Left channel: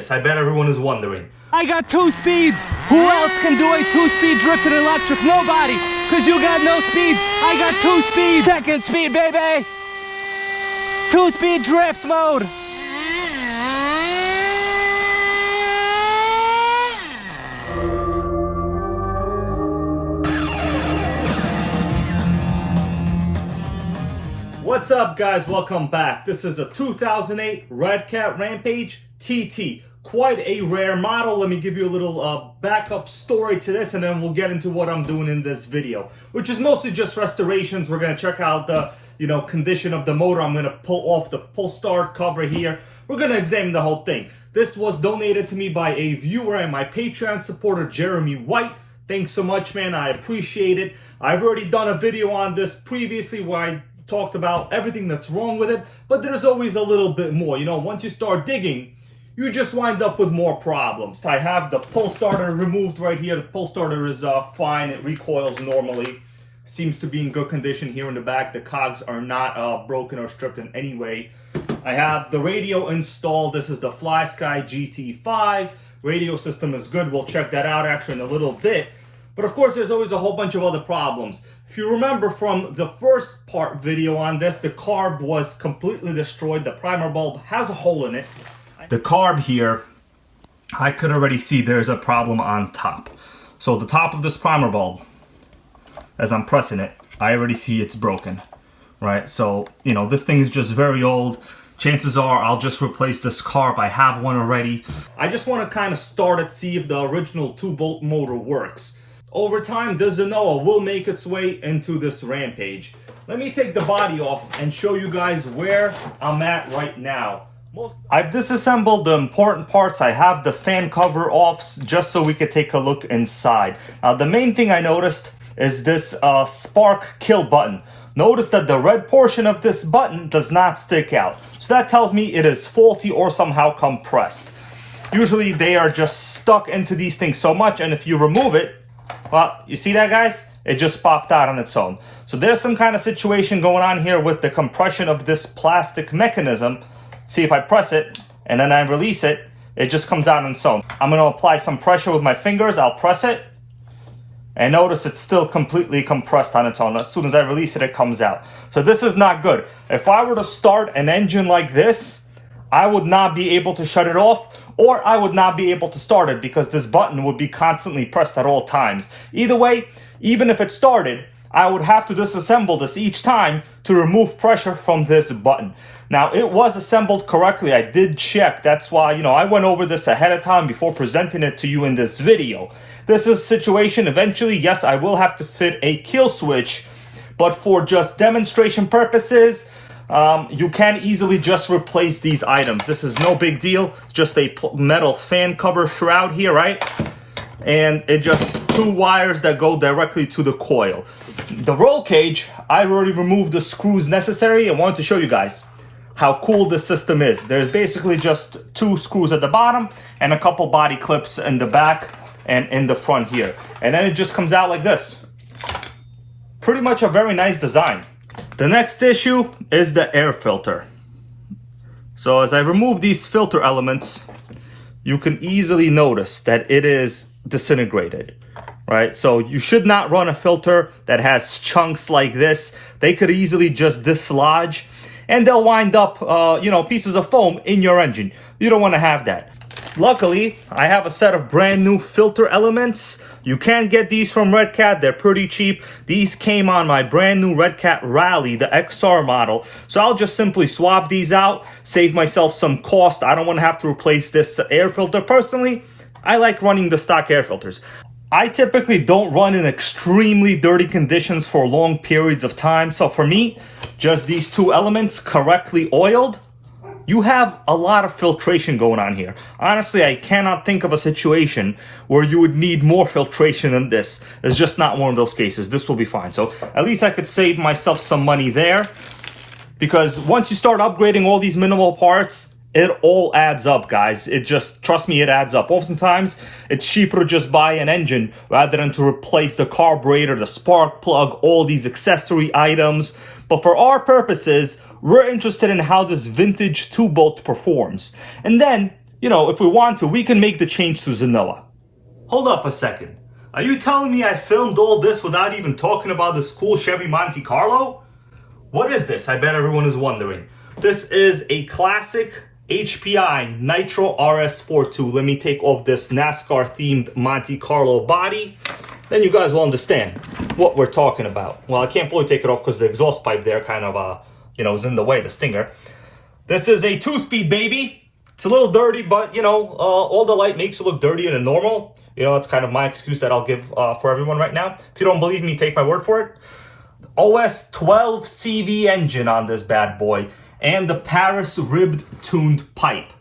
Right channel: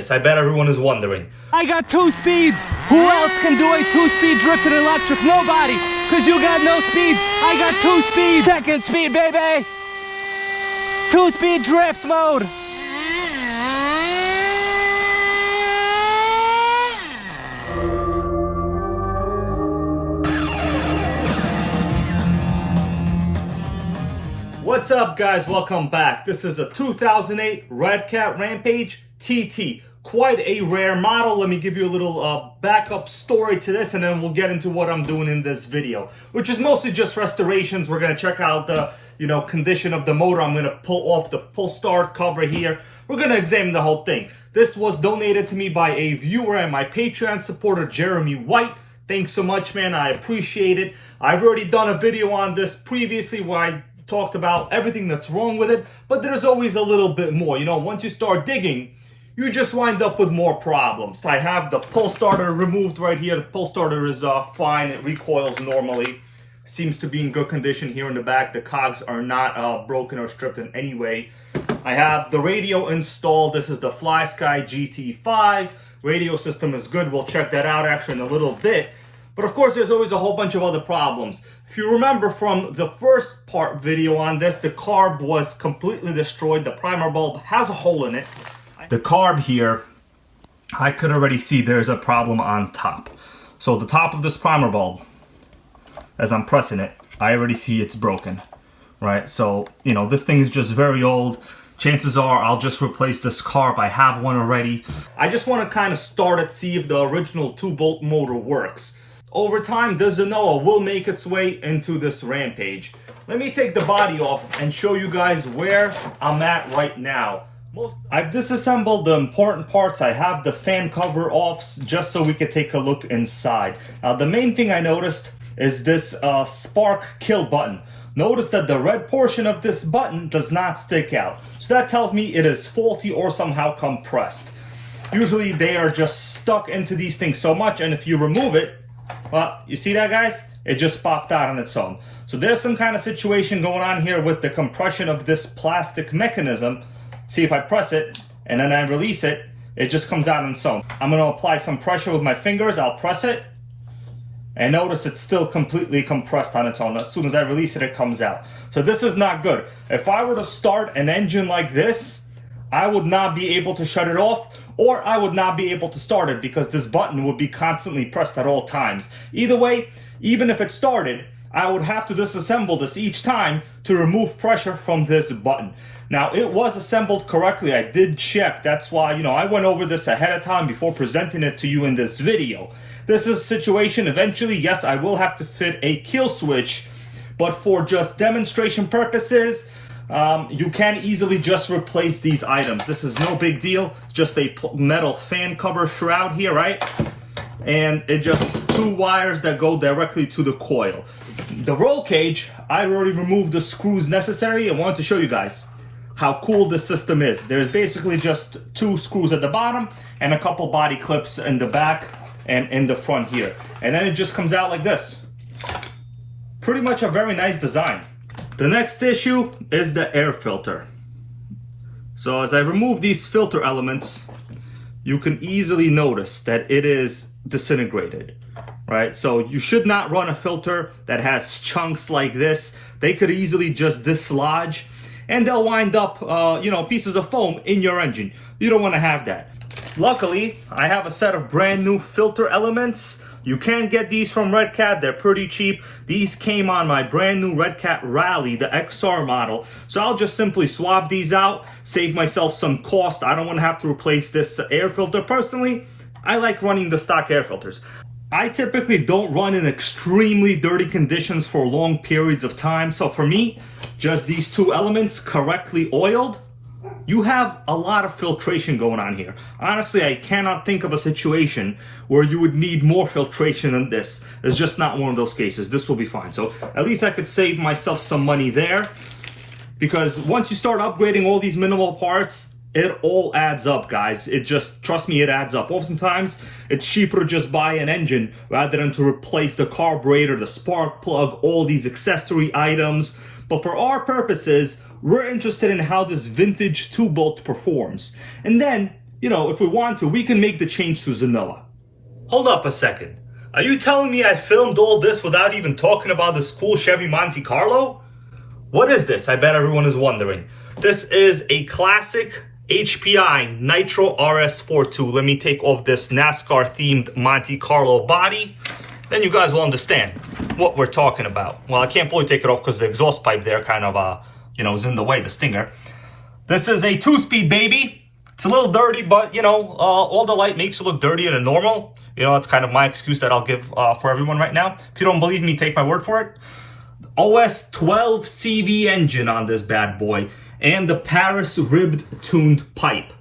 this? I bet everyone is wondering. I got 2 speeds. Who else can do a 2-speed drifted electric? Nobody, because you got no speeds. I got 2 speeds. Second speed, baby. 2-speed drift mode. What's up, guys? Welcome back. This is a 2008 Redcat Rampage TT. Quite a rare model. Let me give you a little backup story to this, and then we'll get into what I'm doing in this video, which is mostly just restorations. We're going to check out the condition of the motor. I'm going to pull off the pull start cover here. We're going to examine the whole thing. This was donated to me by a viewer and my Patreon supporter, Jeremy White. Thanks so much, man. I appreciate it. I've already done a video on this previously where I talked about everything that's wrong with it, but there's always a little bit more. Once you start digging, you just wind up with more problems. I have the pull starter removed right here. The pull starter is fine. It recoils normally. Seems to be in good condition here in the back. The cogs are not broken or stripped in any way. I have the radio installed. This is the FlySky GT5. Radio system is good. We'll check that out actually in a little bit. But of course, there's always a whole bunch of other problems. If you remember from the first part video on this, the carb was completely destroyed. The primer bulb has a hole in it. The carb here, I could already see there's a problem on top. So the top of this primer bulb, as I'm pressing it, I already see it's broken, right? So, this thing is just very old. Chances are I'll just replace this carb. I have one already. I just want to kind of start it, see if the original 2-bolt motor works. Over time, the Zenoa will make its way into this Rampage. Let me take the body off and show you guys where I'm at right now. I've disassembled the important parts. I have the fan cover off just so we could take a look inside. The main thing I noticed is this spark kill button. Notice that the red portion of this button does not stick out. So that tells me it is faulty or somehow compressed. Usually they are just stuck into these things so much, and if you remove it, well, you see that, guys? It just popped out on its own. So there's some kind of situation going on here with the compression of this plastic mechanism. See, if I press it and then I release it, it just comes out on its own. I'm going to apply some pressure with my fingers. I'll press it. And notice it's still completely compressed on its own. As soon as I release it, it comes out. So this is not good. If I were to start an engine like this, I would not be able to shut it off, or I would not be able to start it because this button would be constantly pressed at all times. Either way, even if it started, I would have to disassemble this each time to remove pressure from this button. Now, it was assembled correctly. I did check. That's why, I went over this ahead of time before presenting it to you in this video. This is a situation, eventually, yes, I will have to fit a kill switch, but for just demonstration purposes, you can easily just replace these items. This is no big deal. It's just a metal fan cover shroud here, right? And it just 2 wires that go directly to the coil. The roll cage, I already removed the screws necessary. I wanted to show you guys how cool this system is. There's basically just 2 screws at the bottom and a couple body clips in the back and in the front here. And then it just comes out like this. Pretty much a very nice design. The next issue is the air filter. So as I remove these filter elements, you can easily notice that it is disintegrated, right? So you should not run a filter that has chunks like this. They could easily just dislodge and they'll wind up, pieces of foam in your engine. You don't want to have that. Luckily, I have a set of brand new filter elements. You can get these from Redcat. They're pretty cheap. These came on my brand new Redcat Rally, the XR model. So I'll just simply swap these out, save myself some cost. I don't want to have to replace this air filter. Personally, I like running the stock air filters. I typically don't run in extremely dirty conditions for long periods of time. So for me, just these 2 elements correctly oiled, you have a lot of filtration going on here. Honestly, I cannot think of a situation where you would need more filtration than this. It's just not one of those cases. This will be fine. So at least I could save myself some money there, because once you start upgrading all these minimal parts, it all adds up, guys. It just, trust me, it adds up. Oftentimes, it's cheaper to just buy an engine rather than to replace the carburetor, the spark plug, all these accessory items. But for our purposes, we're interested in how this vintage 2-bolt performs. And then you know, if we want to, we can make the change to Zenoa. Hold up a second. Are you telling me I filmed all this without even talking about this cool Chevy Monte Carlo? What is this? I bet everyone is wondering. This is a classic HPI NItro RS4 2. Let me take off this NASCAR themed Monte Carlo body. Then you guys will understand what we're talking about. Well, I can't fully take it off because the exhaust pipe there kind of, you know, is in the way, the stinger. This is a 2-speed baby. It's a little dirty, but, you know, all the light makes it look dirtier than normal. You know, that's kind of my excuse that I'll give for everyone right now. If you don't believe me, take my word for it. OS 12 CV engine on this bad boy. And the Paris ribbed tuned pipe.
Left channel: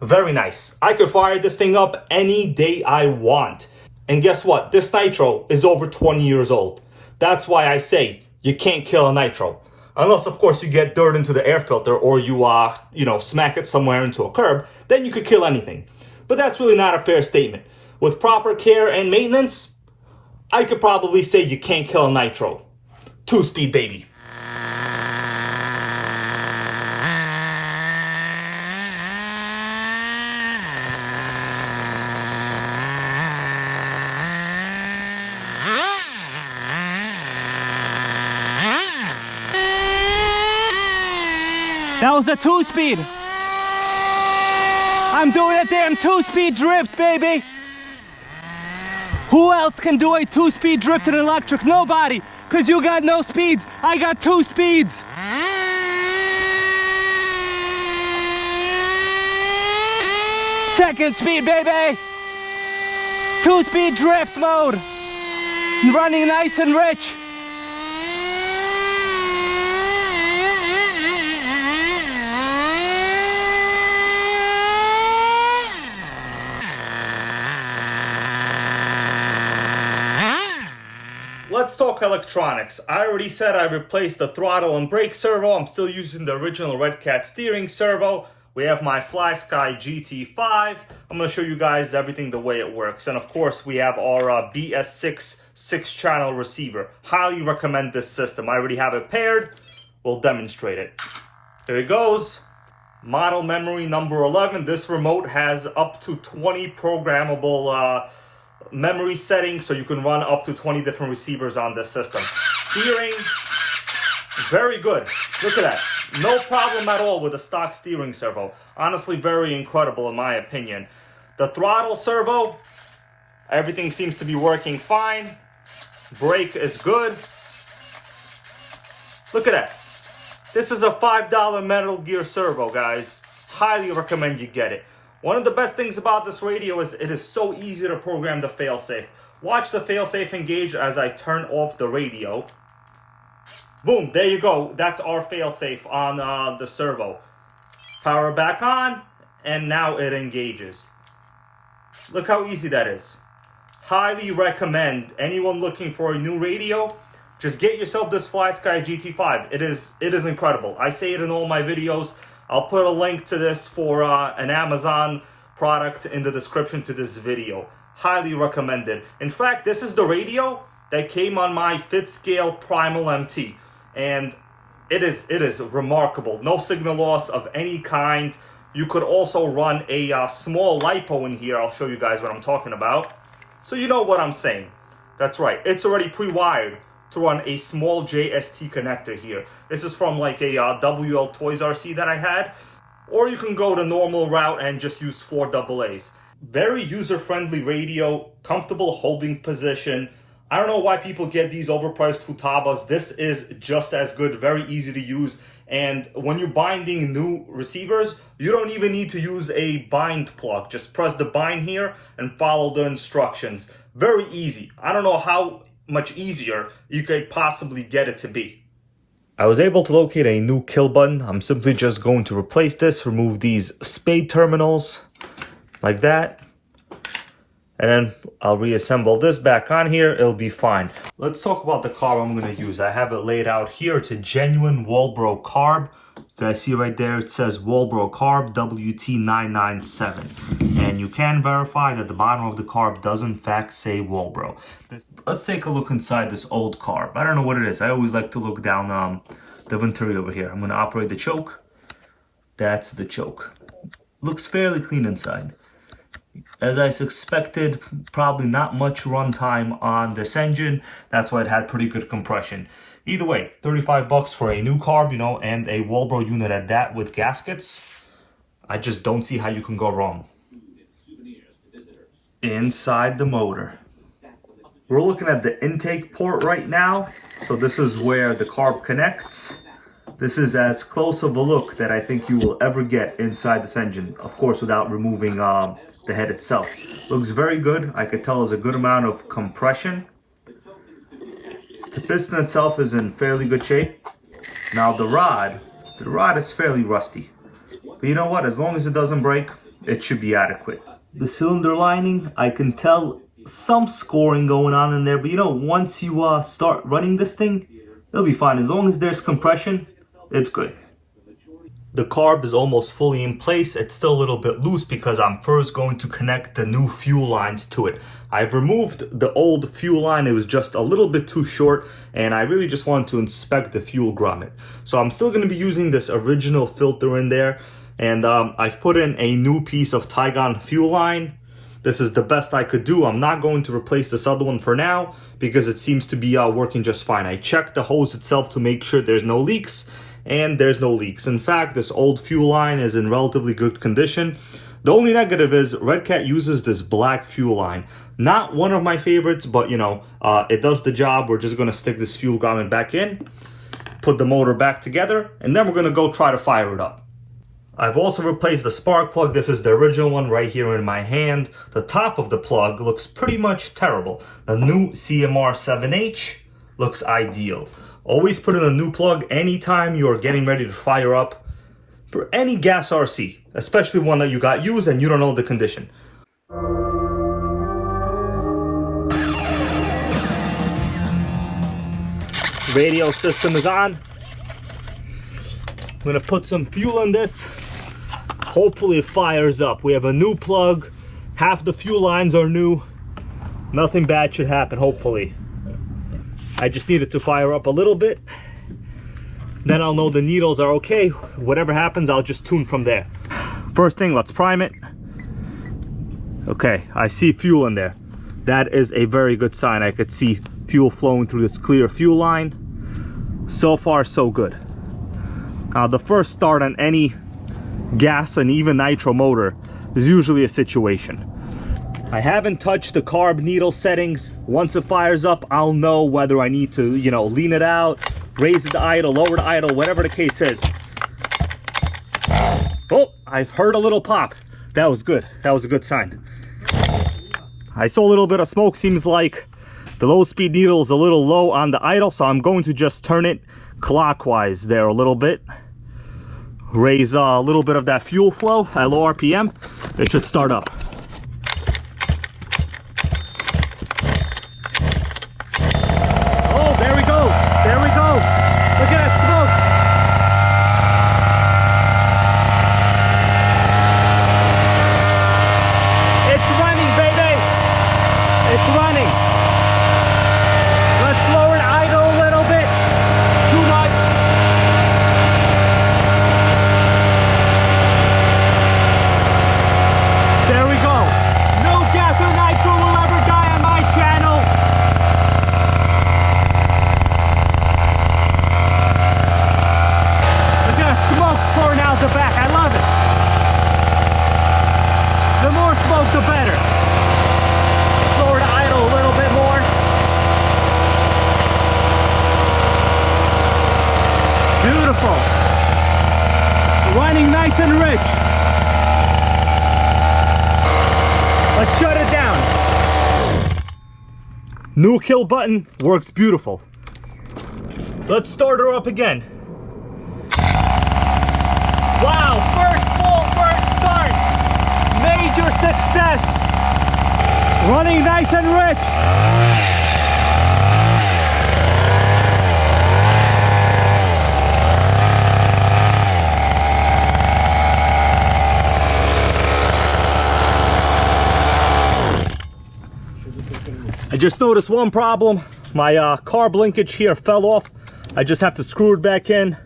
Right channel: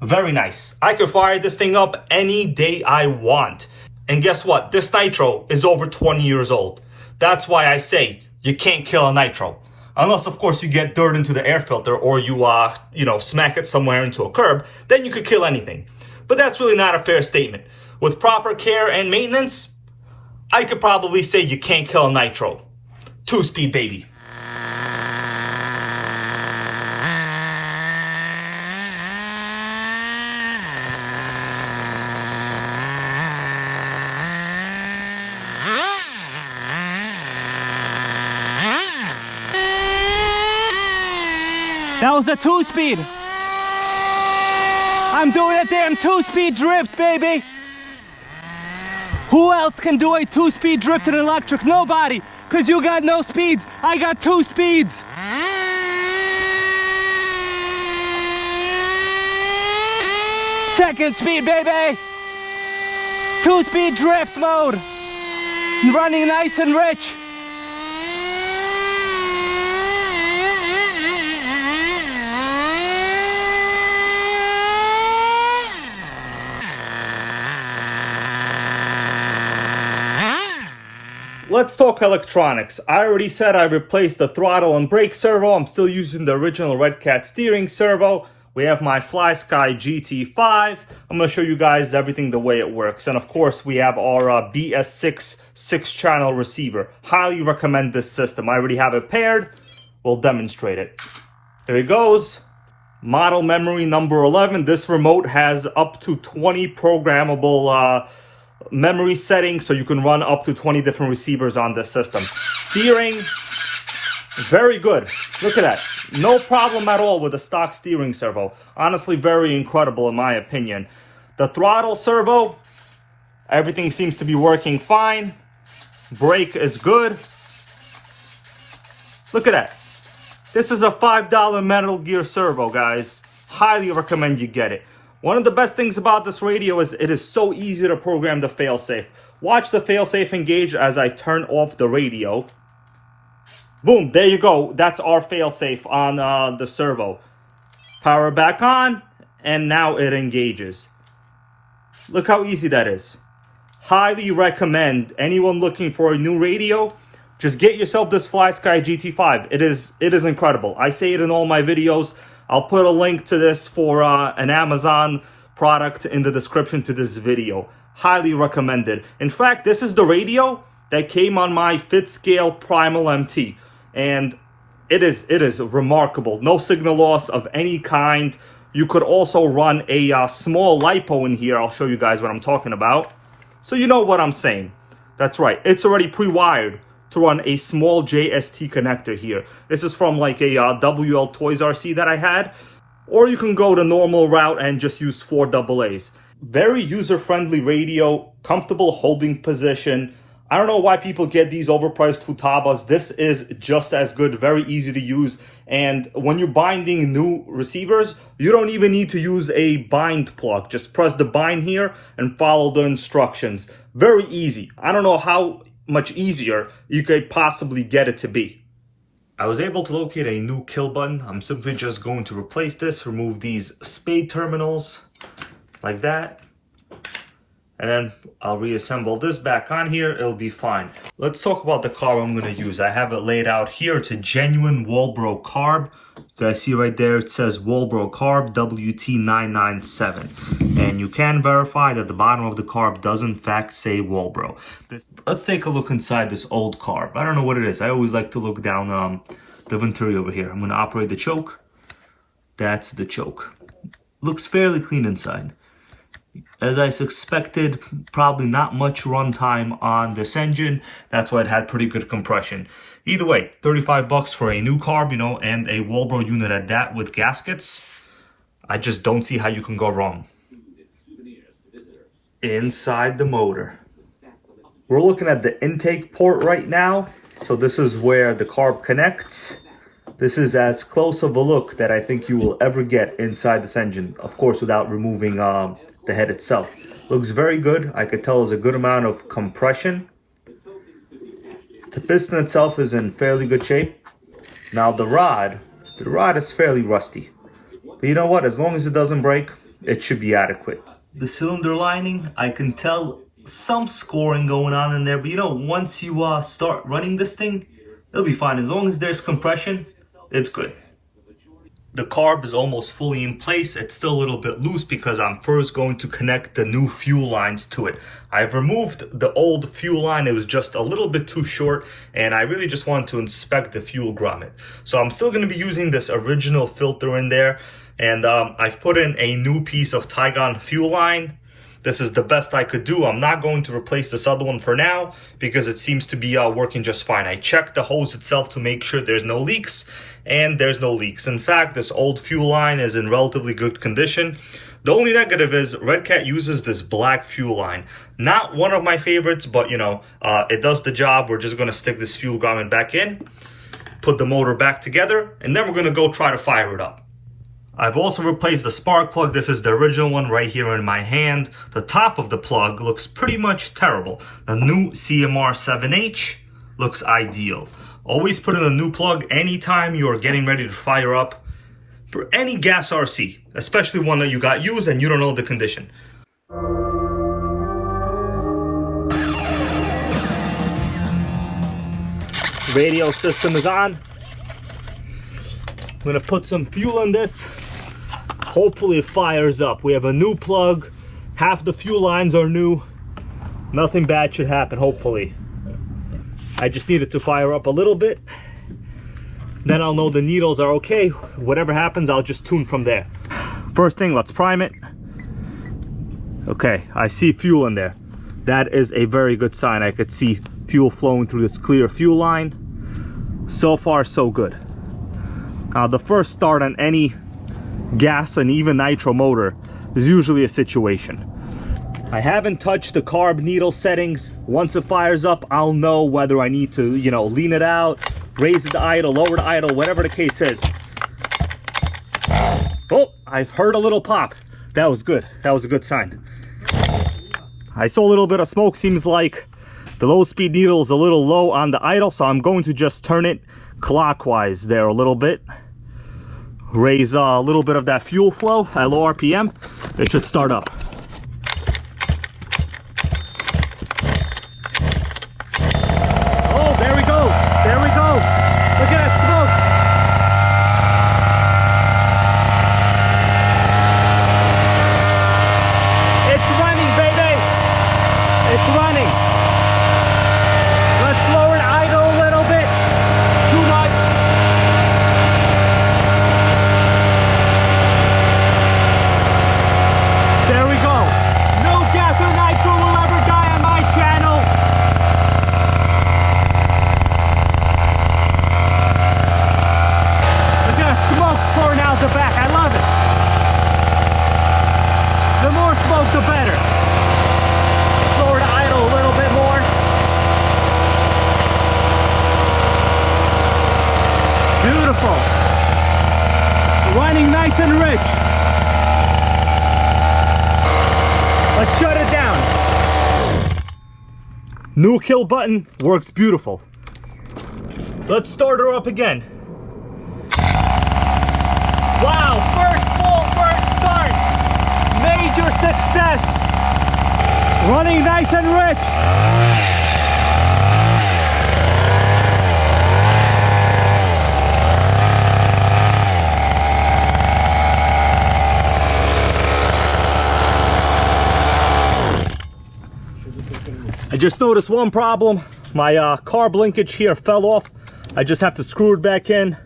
Very nice. I could fire this thing up any day I want. And guess what? This Nitro is over 20 years old. That's why I say you can't kill a Nitro. Unless, of course, you get dirt into the air filter or you, you know, smack it somewhere into a curb. Then you could kill anything. But that's really not a fair statement. With proper care and maintenance, I could probably say you can't kill a Nitro. 2-speed baby. That was a 2-speed. I'm doing a damn 2-speed drift, baby. Who else can do a 2-speed drift in electric? Nobody, because you got no speeds. I got 2 speeds. Second speed, baby. 2-speed drift mode. Running nice and rich. Let's talk electronics. I already said I replaced the throttle and brake servo. I'm still using the original Redcat steering servo. We have my FlySky GT5. I'm going to show you guys everything the way it works. And of course, we have our BS6 6-channel receiver. Highly recommend this system. I already have it paired. We'll demonstrate it. There it goes. Model memory number 11. This remote has up to 20 programmable memory settings, so you can run up to 20 different receivers on this system. Steering, very good. Look at that. No problem at all with the stock steering servo. Honestly, very incredible in my opinion. The throttle servo, everything seems to be working fine. Brake is good. Look at that. This is a $5 Metal Gear servo, guys. Highly recommend you get it. One of the best things about this radio is it is so easy to program the failsafe. Watch the failsafe engage as I turn off the radio. Boom, there you go. That's our failsafe on the servo. Power back on, and now it engages. Look how easy that is. Highly recommend anyone looking for a new radio, just get yourself this FlySky GT5. It is incredible. I say it in all my videos. I'll put a link to this for an Amazon product in the description to this video. Highly recommended. In fact, this is the radio that came on my FitScale Primal MT. And it is remarkable. No signal loss of any kind. You could also run a small LiPo in here. I'll show you guys what I'm talking about. So you know what I'm saying. That's right. It's already pre-wired to run a small JST connector here. This is from like a WL Toys RC that I had. Or you can go the normal route and just use 4 AA's. Very user-friendly radio, comfortable holding position. I don't know why people get these overpriced Futabas. This is just as good, very easy to use. And when you're binding new receivers, you don't even need to use a bind plug. Just press the bind here and follow the instructions. Very easy. I don't know how much easier you could possibly get it to be. I was able to locate a new kill button. I'm simply just going to replace this, remove these spade terminals like that, and then I'll reassemble this back on here. It'll be fine. Let's talk about the carb I'm going to use. I have it laid out here. It's a genuine Walbro carb. You guys see right there, it says Walbro carb WT997. And you can verify that the bottom of the carb does in fact say Walbro. Let's take a look inside this old carb. I don't know what it is. I always like to look down the venturi over here. I'm going to operate the choke. That's the choke. looks fairly clean inside. As I suspected, probably not much runtime on this engine. That's why it had pretty good compression. Either way, 35 bucks for a new carb, you know, and a Walbro unit at that with gaskets. I just don't see how you can go wrong. Inside the motor, we're looking at the intake port right now. So this is where the carb connects. This is as close of a look that I think you will ever get inside this engine. Of course, without removing the head itself. Looks very good. I could tell there's a good amount of compression. The piston itself is in fairly good shape. Now the rod is fairly rusty. But you know what? As long as it doesn't break, it should be adequate. The cylinder lining, I can tell some scoring going on in there. But you know, once you start running this thing, it'll be fine. As long as there's compression, it's good. The carb is almost fully in place. It's still a little bit loose because I'm first going to connect the new fuel lines to it. I've removed the old fuel line. It was just a little bit too short and I really just wanted to inspect the fuel grommet. So I'm still going to be using this original filter in there, and I've put in a new piece of Nitrogang fuel line. This is the best I could do. I'm not going to replace this other one for now because it seems to be working just fine. I checked the hose itself to make sure there's no leaks, and there's no leaks. In fact, this old fuel line is in relatively good condition. The only negative is Redcat uses this black fuel line. Not one of my favorites, but you know, it does the job. We're just gonna stick this fuel grommet back in, put the motor back together, and then we're gonna go try to fire it up. I've also replaced the spark plug. This is the original one right here in my hand. The top of the plug looks pretty much terrible. The new CMR 7H looks ideal. Always put in a new plug anytime you're getting ready to fire up for any gas RC, especially one that you got used and you don't know the condition. Radio system is on. I'm gonna put some fuel in this. Hopefully it fires up. We have a new plug. Half the fuel lines are new. Nothing bad should happen, hopefully. I just need it to fire up a little bit. Then I'll know the needles are okay. Whatever happens, I'll just tune from there. First thing, let's prime it. Okay, I see fuel in there. That is a very good sign. I could see fuel flowing through this clear fuel line. So far, so good. The first start on any gas and even nitro motor is usually a situation. I haven't touched the carb needle settings. Once it fires up, I'll know whether I need to, you know, lean it out, raise it to idle, lower the idle, whatever the case is. Oh, I've heard a little pop. That was good. That was a good sign. I saw a little bit of smoke. Seems like the low speed needle is a little low on the idle, so I'm going to just turn it clockwise there a little bit. Raise a little bit of that fuel flow at low RPM. It should start up. There we go. Look at that smoke. It's running, baby. It's running. Let's lower the idle a little bit. Too much. There we go. No gas or nitro will ever die on my channel. Smoke pouring out the back. I love it. The more smoke, the better. Slower to idle a little bit more. Beautiful. Running nice and rich. Let's shut it down. New kill button works beautiful. Let's start her up again. Wow, first start. Major success. Running nice and rich. I just noticed one problem. My carb linkage here fell off. I just have to screw it back in.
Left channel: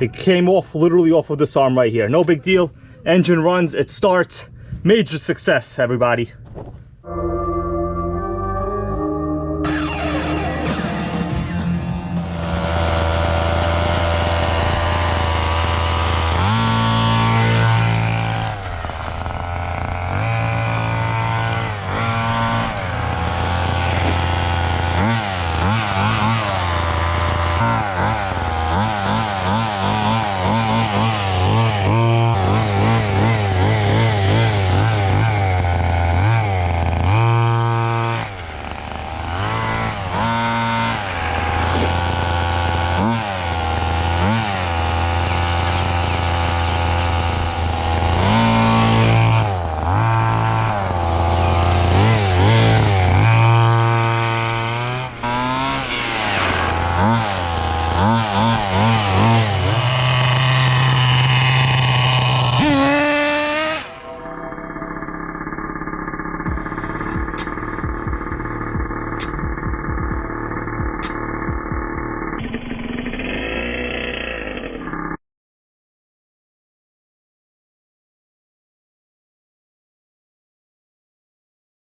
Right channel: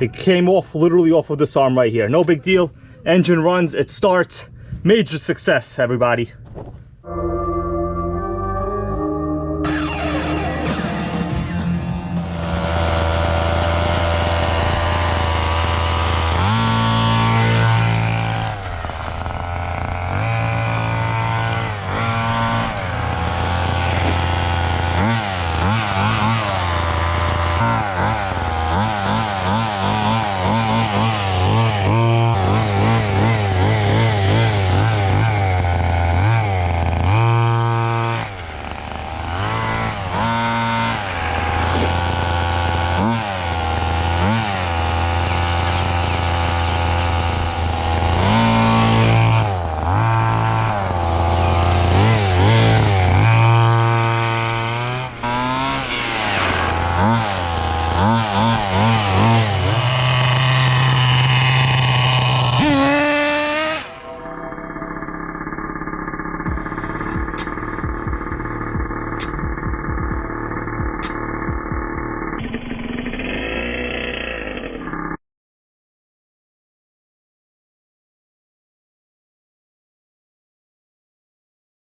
It came off, literally off of this arm right here. No big deal. Engine runs, it starts. Major success, everybody.